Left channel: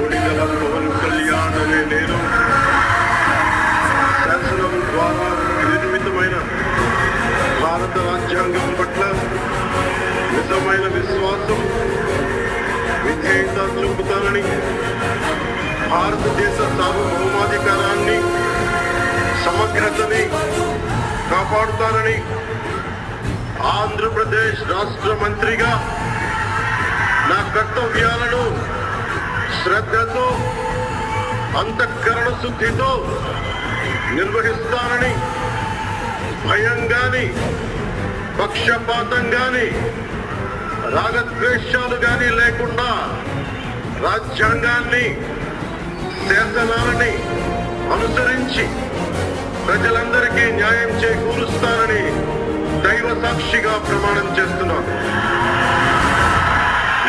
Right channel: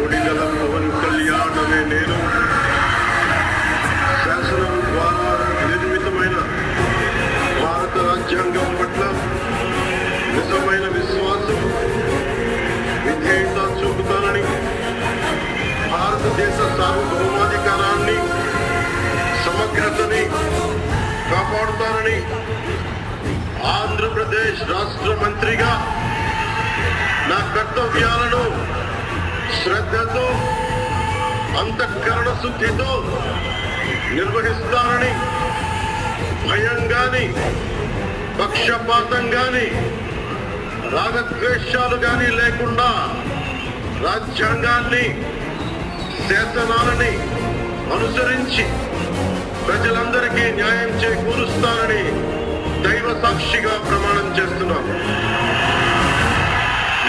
కొనిదల పవన్ కళ్యాణ్ అనే నేను శాసనం ద్వారా నిర్మితమైన భారత రాజ్యాంగం పట్ల నిజమైన విశ్వాసం విధేయత చూపుతానని, భారతదేశ సార్వభౌమాధికారాన్ని సమగ్రతని కాపాడుతానని ఆంధ్రప్రదేశ్ రాష్ట్ర మంత్రిగా నా కర్తవ్యాలను శ్రద్ధతో అంతఃకరణ శుద్ధితో నిర్వహిస్తానని, భయం గాని పక్షపాతం గాని రాగద్వేషాలు గాని లేకుండా రాజ్యాంగాన్ని శాసనాలని అనుసరించి ప్రజలందరికీ న్యాయం చేకూరుస్తానని దైవ సాక్షిగా ప్రమాణం చేస్తున్నాను.